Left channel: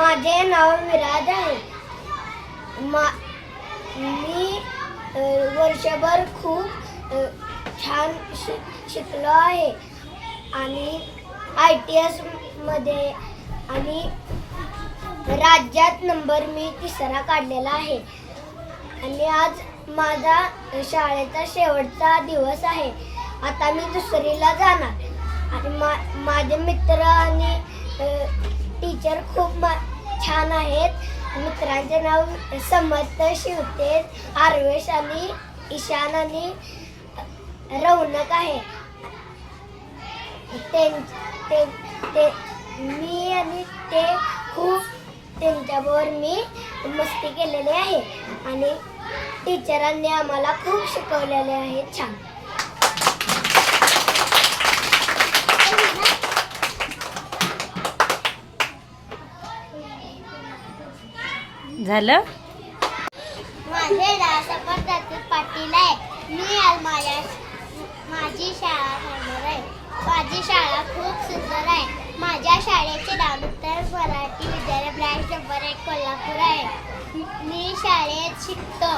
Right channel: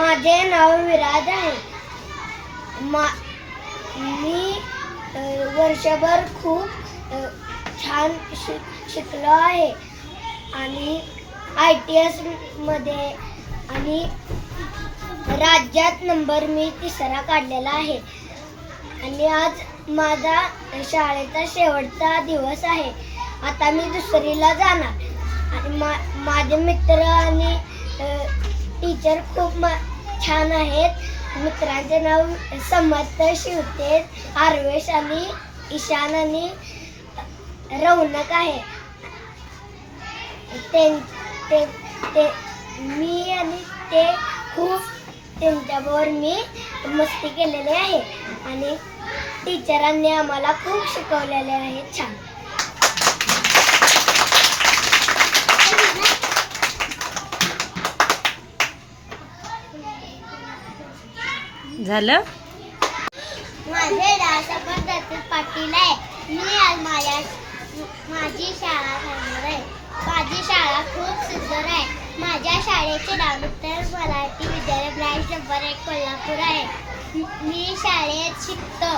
माझे नाव विराज आहे. मी वर्षभर खूप छान शिकलो आहे आणि ITS मध्ये आणि राज्यात नंबर मी 3रा काढलेला आहे. आणि आज माझा शाळेचा शेवटचा दिवस आहे. आता मी 2रीला जाणार आणि माझे मित्र आणि टीचर खूप छान आहेत. मित्रांचे नाव समर्थ, शिवतेज, आर्वेश आणि ईशान आणि रौनक आहे. मी आणि ते खूप त्यांच्याबरोबर मी मस्ती केलेली आहे आणि टीचरांनी आम्हाला खूप शिकवलेले आहे. छान झालं. माझे नाव समर्थ पाटील आहे. मी आज माझी शाळा करणार आहे. माझी शाळा खूप सुंदर आहे. माझ्या शाळेचे नाव उत्तर मराठी विद्यालय ब्रांच नंबर 1 कोल्हापूर आहे. मी शाळेत शिकतो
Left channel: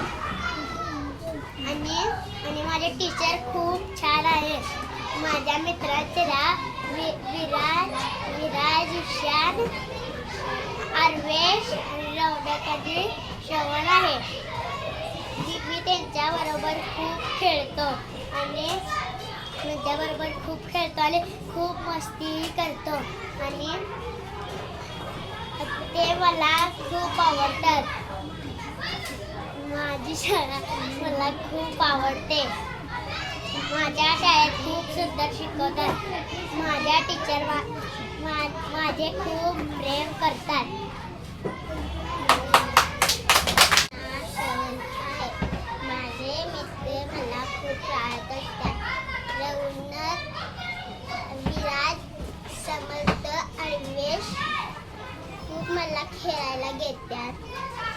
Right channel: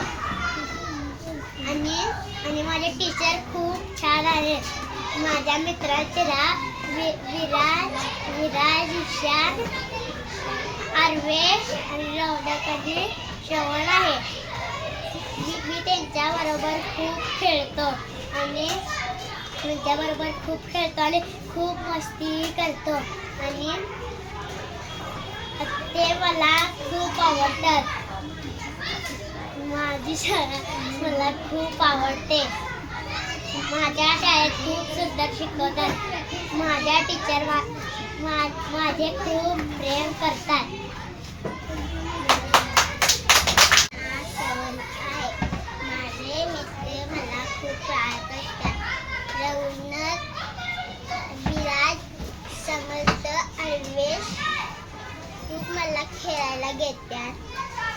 आणि माझे टीचर खूप छान आहेत. माझ्या मित्राचे नाव विराज, ईशान, आर्वेश आणि रौनक आणि श्रवण आहे. मी त्यांच्याबरोबर खूप खेळतो आणि खूप मस्ती करतो आणि ते मला खूप आवडतात. माझी शाळा मला खूप आवडते. माझ्या शाळेत खूप सुंदर शिकवतात. माझ्या टीचर माझे खूप प्रेम करतात. माझे मित्र मला खूप आवडत असतात. रौनक, विराज, समर्थ, आर्वेश खूप मला खेळायला घेतात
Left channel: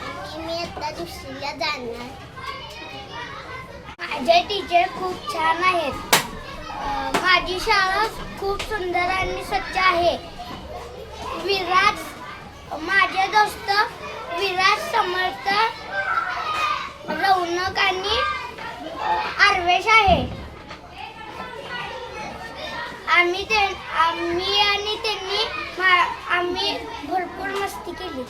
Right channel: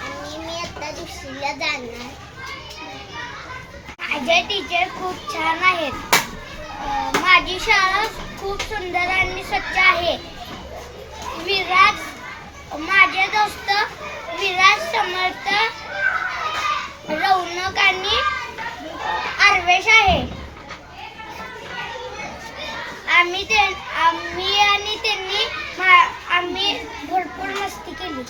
आणि मी आता 2रीला जाणार. माझे टीचर खूप छान आहेत. माझी शाळा खूप सुंदर आणि स्वच्छ आहे. माझे दोस्त विराज, समर्थ, रौनक आणि आर्वेश आहे. आम्ही भरपूर मस्ती केली.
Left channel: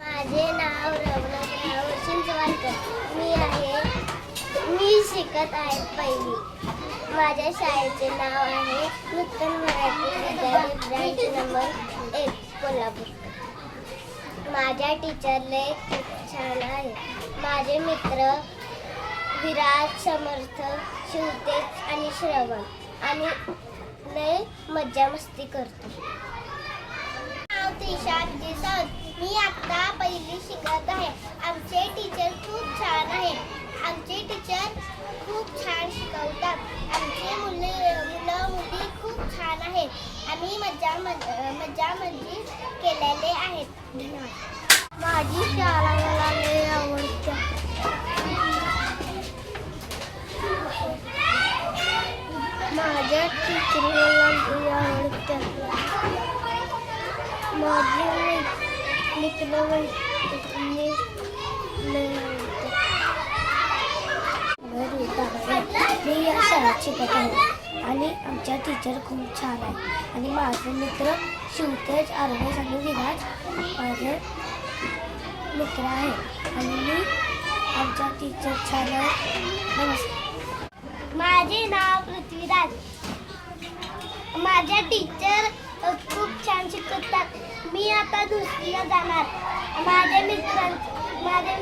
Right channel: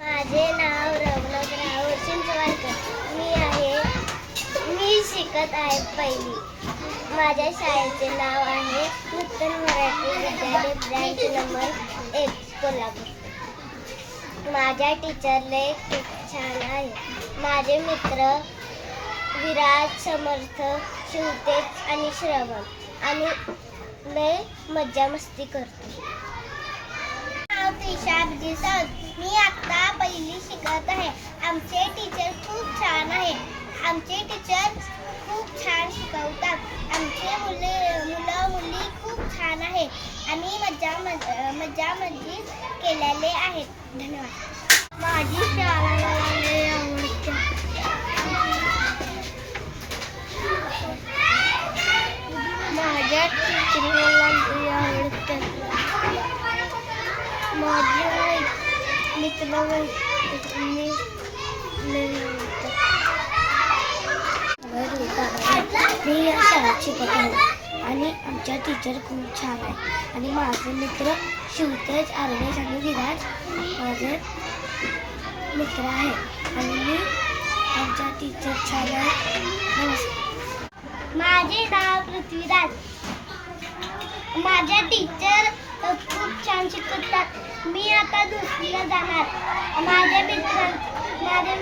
माझे नाव रौनक राहुल चिंचवडकर. मी शिकत आहे 1ली. माझ्या शाळेचे नाव आहे उत्तर मराठी विद्यालय ब्रांच नंबर 1 कोल्हापूर. माझ्या टीचरले खूप छान आहे. माझे मित्र विराज, समर्थ, शिवतेज आणि श्रवण आणि लय मज्जा मस्ती करतो. नाव त्रिशा दिसत. मी आता 1ली शिकत आहे. आमचे टीचर खूप छान आहेत. आमचे टीचर खूप छान शिकवतात. आमचे मुली खूप छान आहेत. आम्ही मज्जा केलेले आहेत. धन्यवाद. माझी शाळा मला लय आवडते. माझ्या टीचर मला लय आवडतात. माझे मित्र मी या शाळेत शिकत आहे आणि आमच्या टीचर खूप छान आहे. आणि माझे मित्र शिवतेज, आर्वेश आणि विराज माझे मित्र आहे आणि मी आमच्या टीचर छान आहे. नमस्कार. माझे नाव पृथ्वीराज. माझ्या टीचर खूप छान शिकवतात. मी आता 2रीला जाणार. माझ्या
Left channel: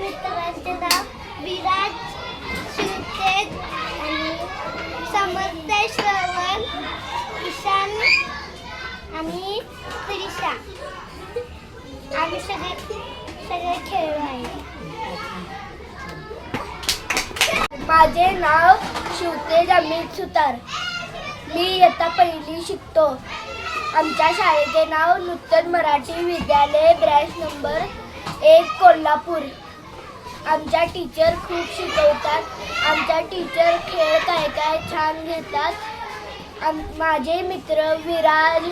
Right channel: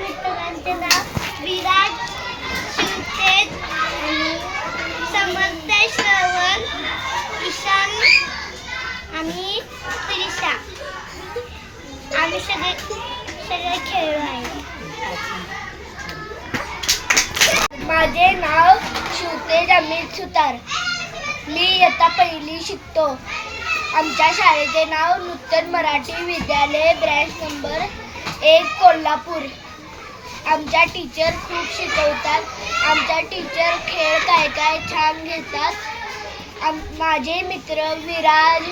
मित्रांचे नाव विराज, शिवतेज आणि समर्थ, श्रवण, ईशान आणि त्रिशा. आम्ही सगळे खेळलो आहे. माझे नाव शिवतेज अमित सुतार. मी इयत्ता 1ली शिकतो. आमच्या शाळेचे नाव नूतन मराठी विद्यालय ब्रांच नंबर 1 कोल्हापूर. आमच्या टीचर खूप शिकवतात. आमच्या टीचर खेळ काय छान घेतात. माझे मित्र विराज,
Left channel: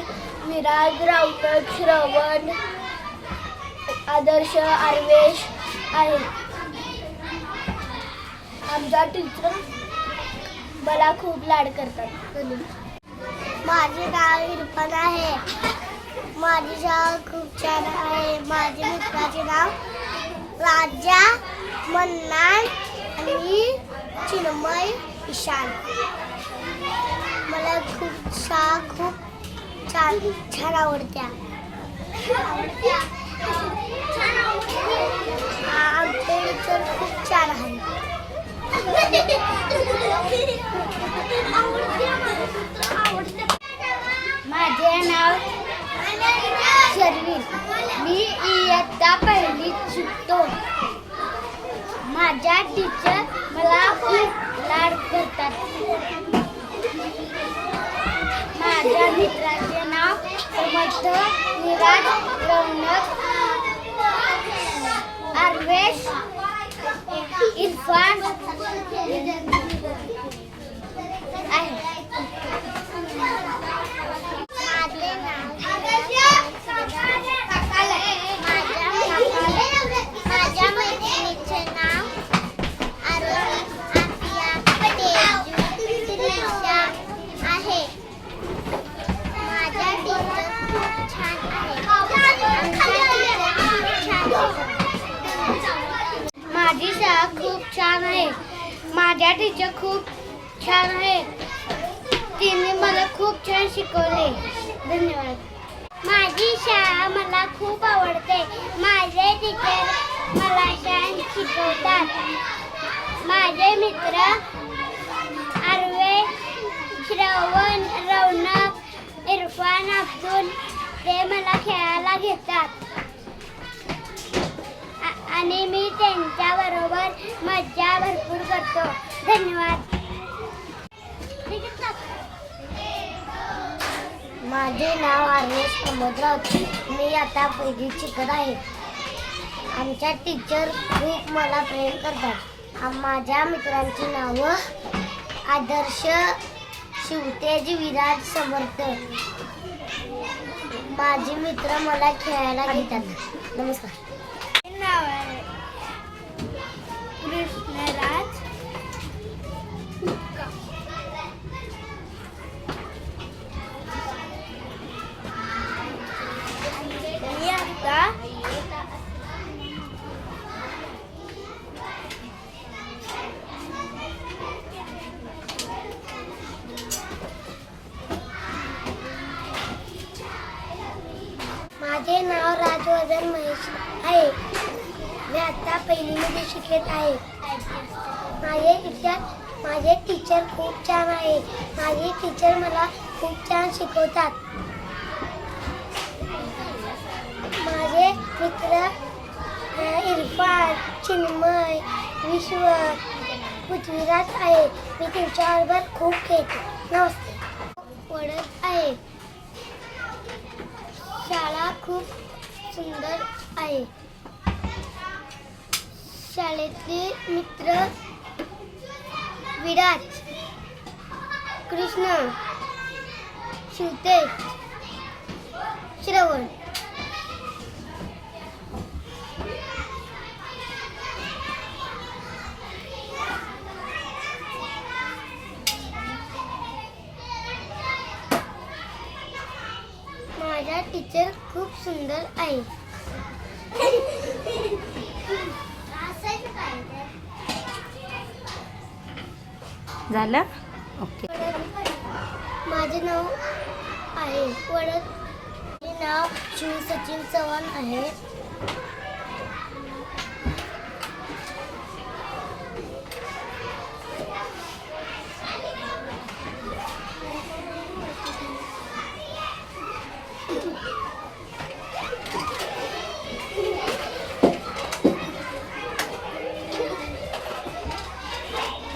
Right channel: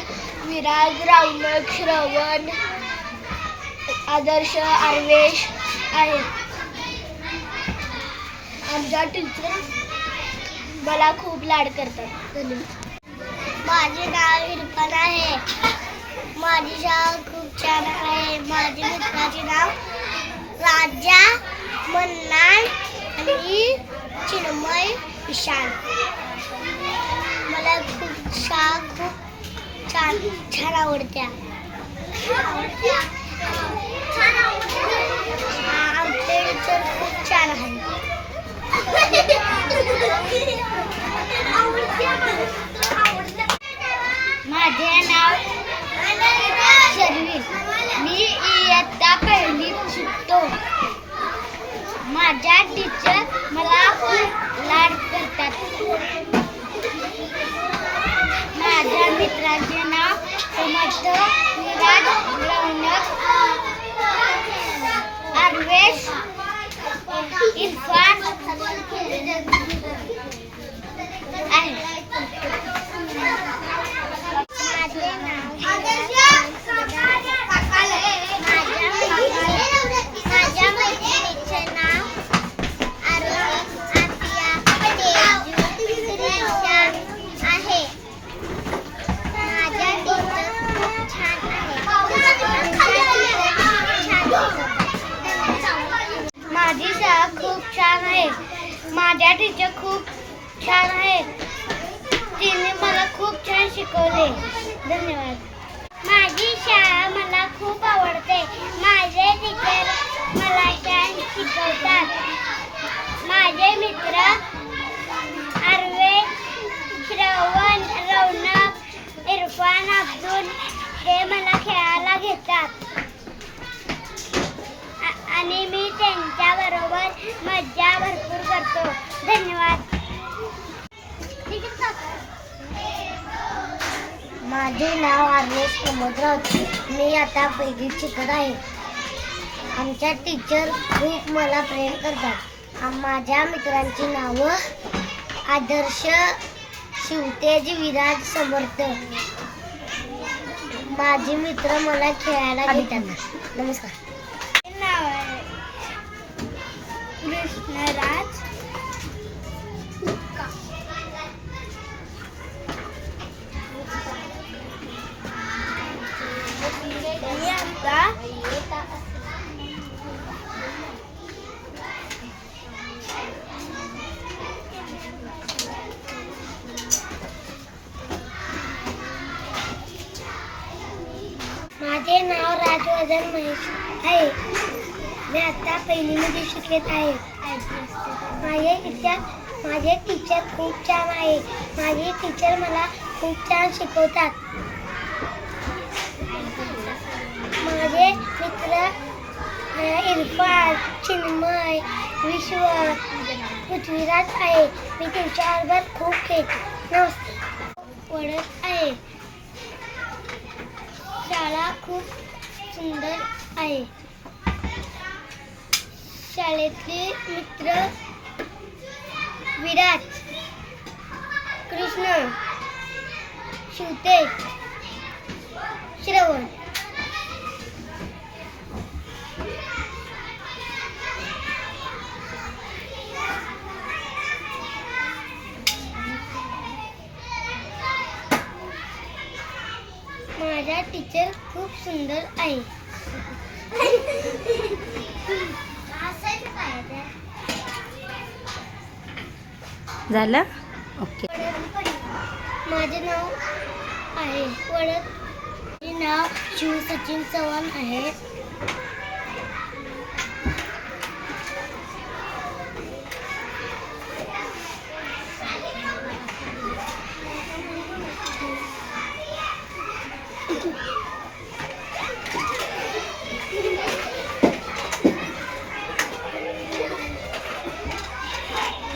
विराज, रौनक, श्रवण, आदर्श, आर्वेश आहे. आमच्या टीचर मला खूप लाड करतात. माझे नाव इरफान आहे. माझी शाळा खूप छान आहे. माझ्या मित्राचे नाव राजा, मन्नान आणि चिन्मय, विशाल. मला शाळा खूप छान आवडते. आमचे टीचर खूप छान आहे. माझे नाव शर्विन. मी इयत्ता पहिली शिकतो. माझ्या टीचर मला खूप लाड करतात. माझ्या मित्राचे नाव समर्थ, विराज, रौनक, आर्वेश, इरफान आहे. माझ्या मैत्रिणीचे नाव आहे. माझ्या टीचर खूप छान आहे. माझी शाळा खूप छान आहे. माझ्या टीचर खूप छान आहे. तिने मला खूप छान शिकवले. धन्यवाद. माझी शाळा मला खूप आवडते. माझे टीचर मला छान शिकवतात. माझे मित्र आर्वे, श्रवण, रौनक, इरफान, अब्दुल ते मला खेळायला घेतात आणि मी त्यांच्याबरोबर मज्जा भरपूर करतो. धन्यवाद. माझे नाव आर्वेश प्रमोदराव. मी आता पहिलीत शिकत आहे. आमच्या टीचर खूप मला प्रेम करतात. माझ्या मित्रांची नावं आदर्श, शिवतेज, विराज, समर्थ. माझे मित्र मला खेळायला घेतात. नमस्कार. नाव आहे कृष्णराज. मी आता माझे नाव राजवर्धन महेश आहे. मी आता पहिलीमध्ये शिकत आहे. माझे टीचर खूप छान आहे. माझे टीचर मला खूप छान शिकवतात. माझे मित्र इरफान, चिन्मय, विश्व, पृथ्वीराज आहे. मी त्यांच्याबरोबर खूप खेळतो. नमस्ते. पडत आहे. शाळा खूप सुंदर आहे. शाळेतले मित्र विराज, कृष्ण, शिवतेज, श्रवण. माझा टीचर खूप सुंदर आहे. झालं? ओके. माझे नाव आहे माझे नाव शिव सचिन चव्हाण आहे.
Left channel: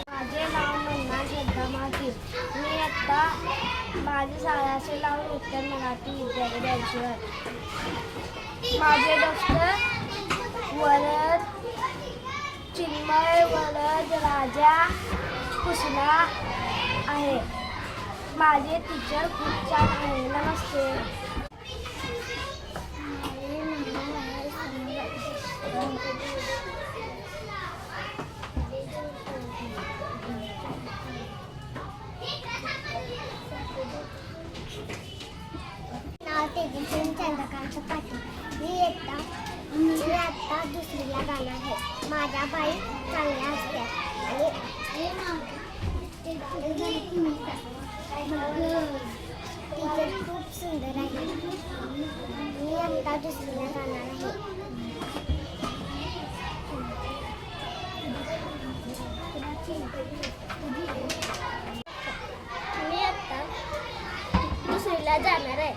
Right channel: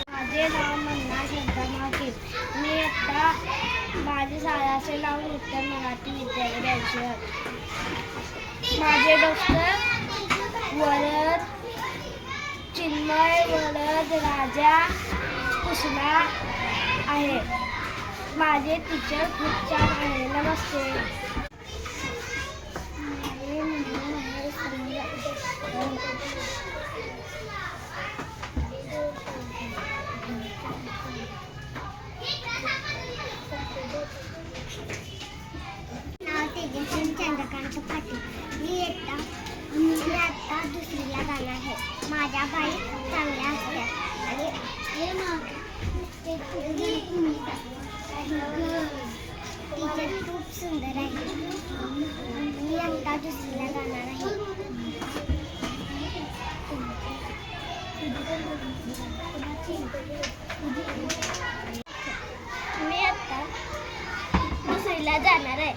माझे नाव मन्नान श्रद्धा माकी. मी आता माझे शाळेचे नाव उत्तर मराठी विद्यालय द्यायचे. माझे डॉक्टर वरद, चिन्मय, वरद, राजा, कृष्णा आहे. माझे टीचर खूप छान आहे. नमस्ते. छान आहे. माझ्या बाई चांगल्या असतात आणि टीचर खूप सुंदर आहे. मी आता दुसरीला जाणार आहे. मी आता दुसरीला जाणार आहे.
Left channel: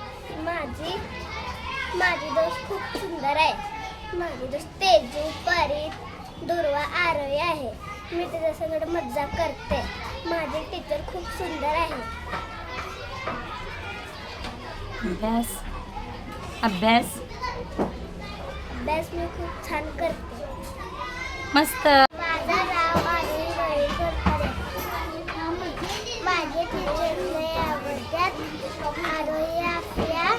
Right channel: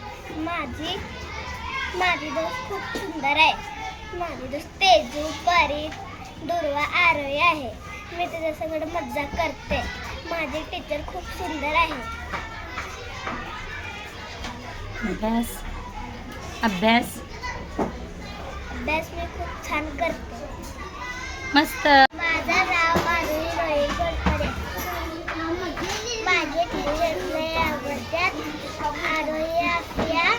माझी दोस्त खूप सुंदर आहे. माझी दोस्त तेजू, परी, दुर्वा, आरोही आहे. मी त्याच्या सगळं मज्जा करते. माझे टीचर खूप सुंदर आहे. अभ्यास अभ्यास अभ्यास मी खूप छान करते. मस्त. माझं नाव आरोही रोहित गोडखरे. माझे टीचर लय आवडतात. आरोही आपल्या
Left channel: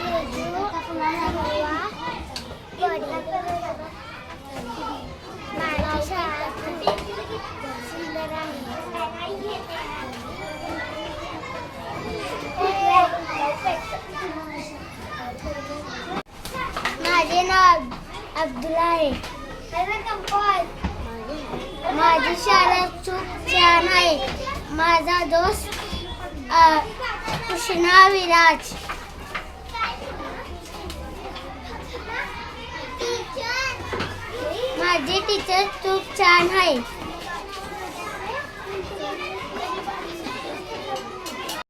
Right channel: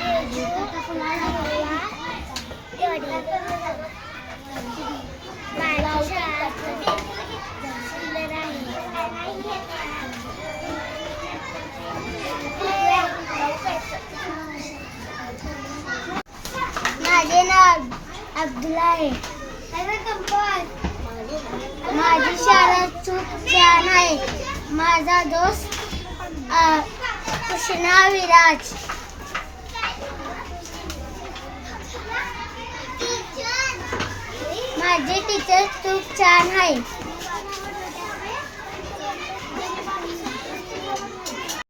तेजू, दुर्वा, माझी शाळा खूप सुंदर आहे. माझे नाव अब्दुल्ला आहे. माझी शाळा खूप छान आहे. माझा दोस्त कृष्णा विराज. माझे टीचर खूप छान आहे.